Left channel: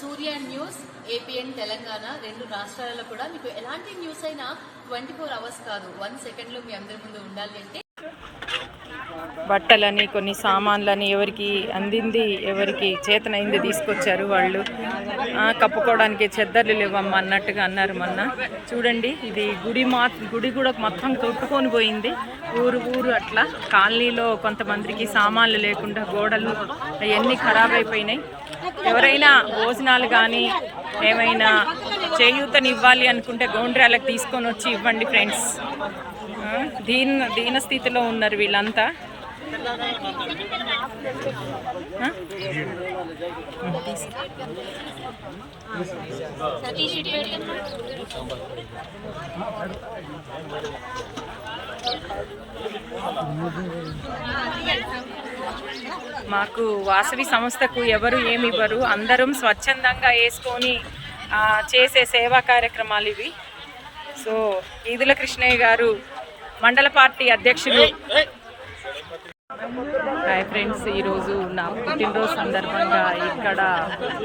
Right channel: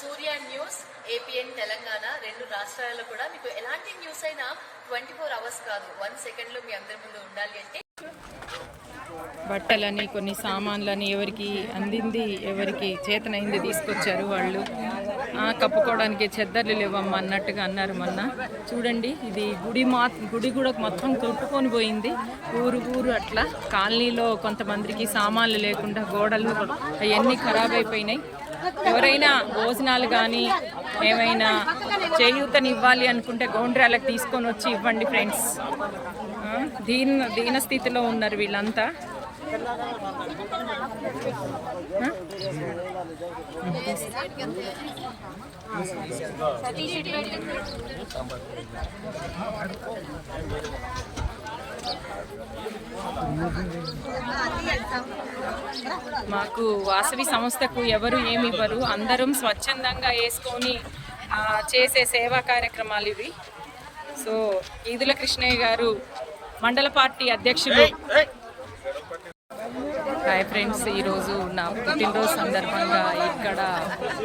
సూర్య news APN Telangana రెండు రాష్ట్రాలలో కూడా మీకు ఎలాంటి న్యూస్ అయినా ట్వంటీ ఫోర్ అవర్స్ కాదు. వన్ సెకండ్లో మీ అందరి ముందు ఉండాలి అంటే బట్టలని కొన్ని సామాన్లని ఎవరికి అందింది ఎవరికి చేతనైంది తీసుకొచ్చారు వాళ్ళు. కప్పుకోవడానికి చెద్దర్లు లేవమ్మా అన్నట్టుగా అన్నారు మొన్న. చూడండి ఇది గుడి మా గుడి కూడా మొత్తం కొట్టుకొని పోయింది. ఊరు ఊరు అట్లా. కాలనీలో కొంతమందికి సామాన్లు లేకుండా గోడలు అవన్నీ ఖరాబ్ అయిపోయినాయి. ఎవరైనా భోజనాలు కానీ ఏమైనా చేయూతని ఇవ్వాలి అనుకుంటే గోండ్రాలకు తీసుకొని వచ్చి ఇవ్వండి ఫ్రెండ్స్. ఆ, దీన దీన స్థితిలో ఉన్నారు వీళ్ళంతా. మాకు వాసవి సంస్థకు ఎవరు ఏమి ఇవ్వరు. అందరం స్వచ్ఛందంగా వేసుకొని చేసే సేవా కార్యక్రమాలు ఇవి. సో ఈదుల కృష్ణయ్య గారు మండల పార్టీ అధ్యక్షులు. హాయ్ ఫ్రెండ్స్ ఈరోజు నా పుట్టినరోజు సందర్భంగా ఇక్కడ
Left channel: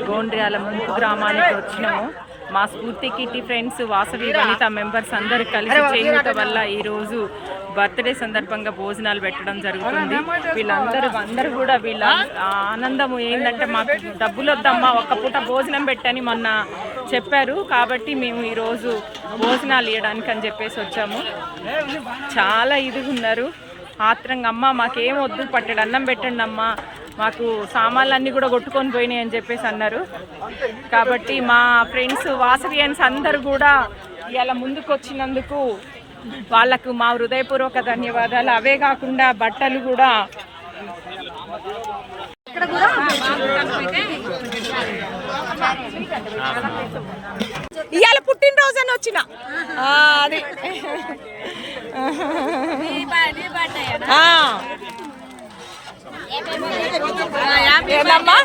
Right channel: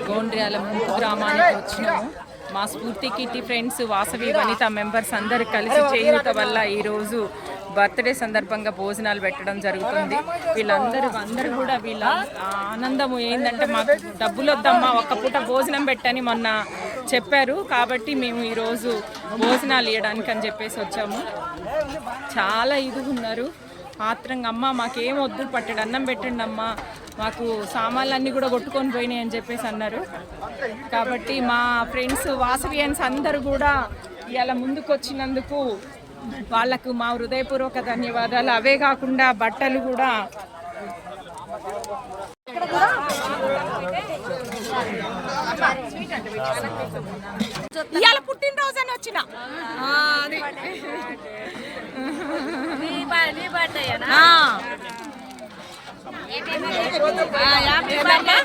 గోండ్ర్యాల ముంపు గ్రామానికి వచ్చినాము. మా Spoorthi kitty friends Vasavi Vanitha members అందరు కలిసి చేయూత వల్ల ఈరోజు బర్త్డే సందర్భంగా భోజనాలు పెట్టడం జరుగుతుంది. వీళ్ళందరూ అందరూ కూడా వీళ్ళ ఆనందము ఏంటంటే మాకు డబ్బులు వద్దమ్మా ఒక్క పూట భోజనం పెట్టని మొన్న చెప్పారు. కాబట్టి మేము ఈరోజు భోజనాలు ఇవ్వడానికి అని చెప్పేసి వచ్చాము. చాలా ఇదిగా ఉన్నారు ఆత్రంగా అమ్మ మాకేం వద్దు పట్టడు అన్నం పెట్టండి అమ్మ మాకు సామాన్లు అన్నీ కూడా కొట్టుకొని పోయినాయి అని చెప్పేసి అన్నారు. కాబట్టి మా ఫ్రెండ్స్ వాసవియన్స్ అందరూ కూడా ఇలా ముందుకు వచ్చినందుకు వాళ్ళకు మా హృదయపూర్వక ధన్యవాదాలు. అవే కాకుండా బట్టలు కూడా ఇవాళ పుట్టినరోజు అని వచ్చిన. అది. ఆ. ఏందమ్మా?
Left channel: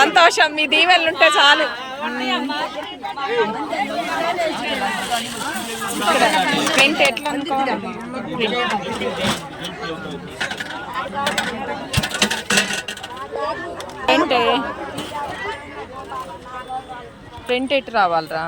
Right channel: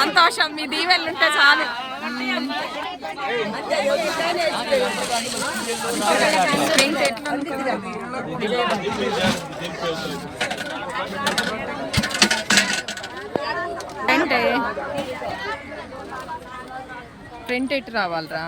సంతోషం మీ దీవెనలు ఉంటే చాలు. ప్రింట్ ఎట్లా అనుకోవాలి ప్రింట్. ప్రింట్ ఎటు రావాలరా?